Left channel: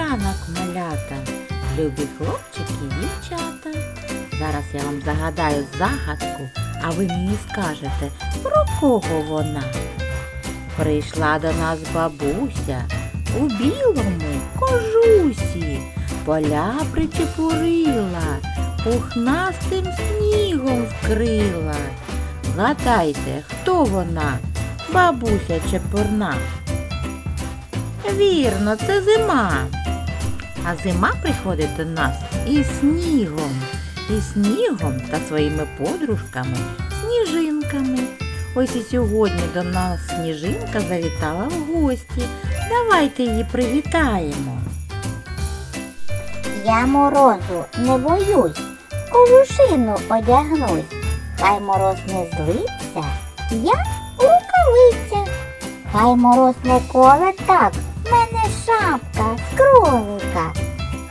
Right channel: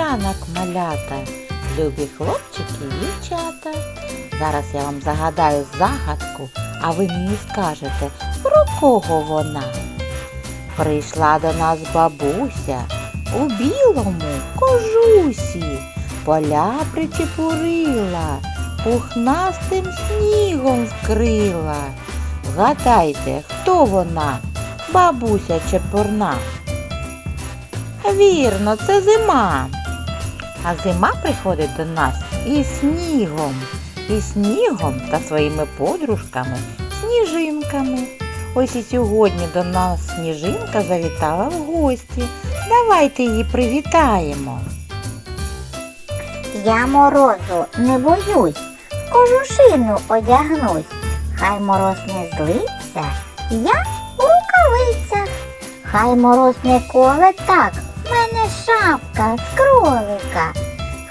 ранок, малята, любі хлопчики і дівчата. Зараз я вам загадаю загадку, а ви мені скажете, про кого вона. Прийшла до нас бабуся у білому кожусі, поля причепурила, пухнастим снігом вкрила. Вгадайте, хто вона, бабуся чепурна? Вірно, це зима. А зима приходить до нас із снігом, і снігом та своїми подружками, сніжинками. Ось і сьогодні до нас сніжинка завітала в гості. Давайте її привітаємо. Я морозу не боюсь, кожушину одягнусь. Хай мороз не злиться, я у рукавицях. Хай мороз не коле так, в мене шапка.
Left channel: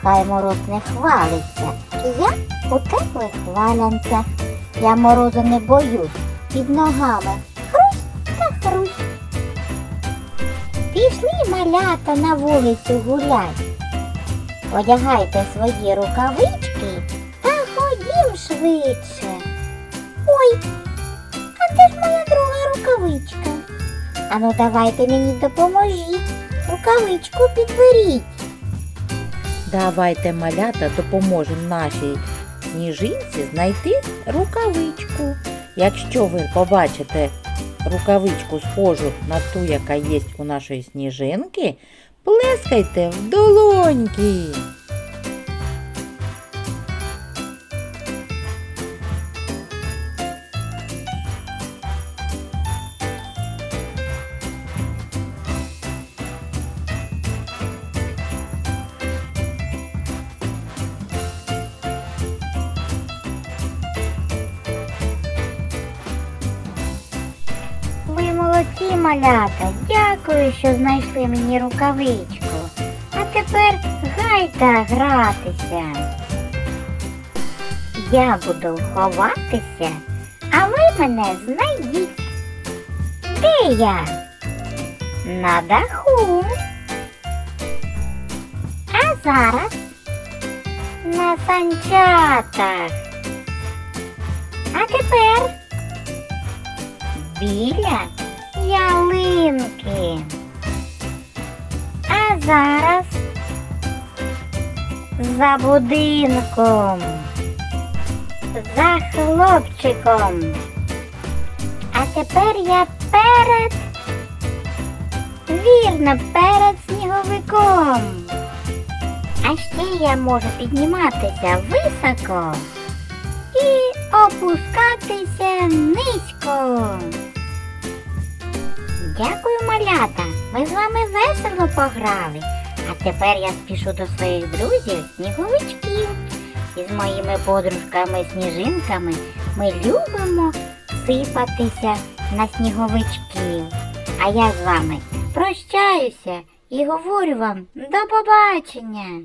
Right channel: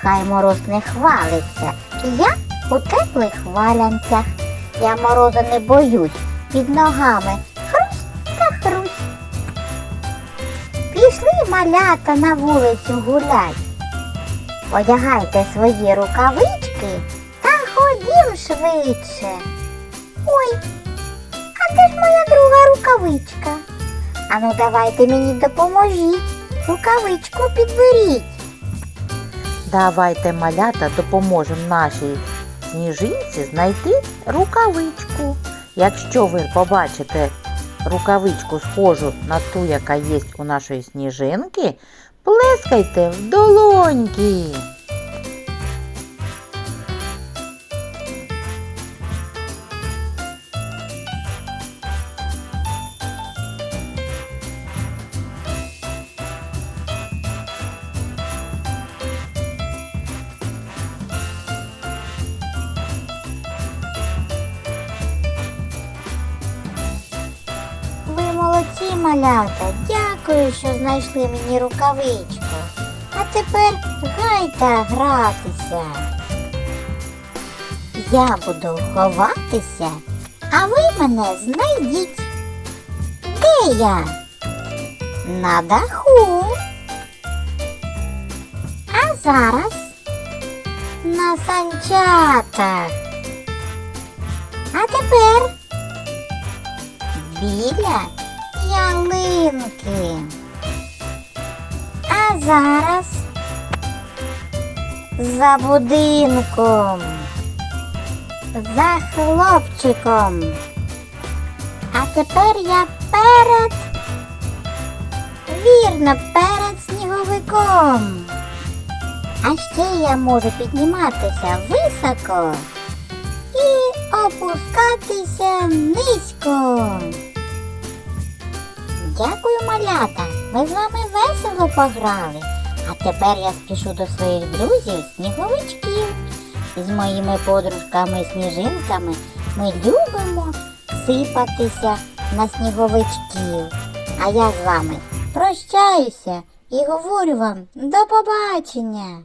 Хай мороз не хвалиться, я у теплих валянцях. Я морозу не боюсь, під ногами хрусь та хрусь. Пішли малята на вулицю гулять. Одягайте свої рукавички та ходім швидше. Ой, а де ж моя друга рукавичка? Ану давайте мені допоможіть. Рукавичку підберіть. Давайте малята допоможемо нашій сніжинці знайти рукавичку. Якщо ви побачите рукавичку схожу на ту, яка є у нашої сніжинки, плескайте в долоньки. Малята. Дякую, що знайшли мені рукавичку. А тепер грайте гратися. Я буду ховатися, а ви мене знайдіть. Де я? На даху. А зараз на санчатах. А тепер біля ялинки. А зараз за будинком, за хлопчиком. А тепер я перед, вірно, перед сніговиком. А ще я можу підніматися високо і опускатися низько. Вами весело пограли. А тепер я спішу до своїх друзів сніговичків. І з моїми подружками-сніжинками ми любимо сипатися на сніговичків. А я з вами прощаюся і говорю вам до побачення.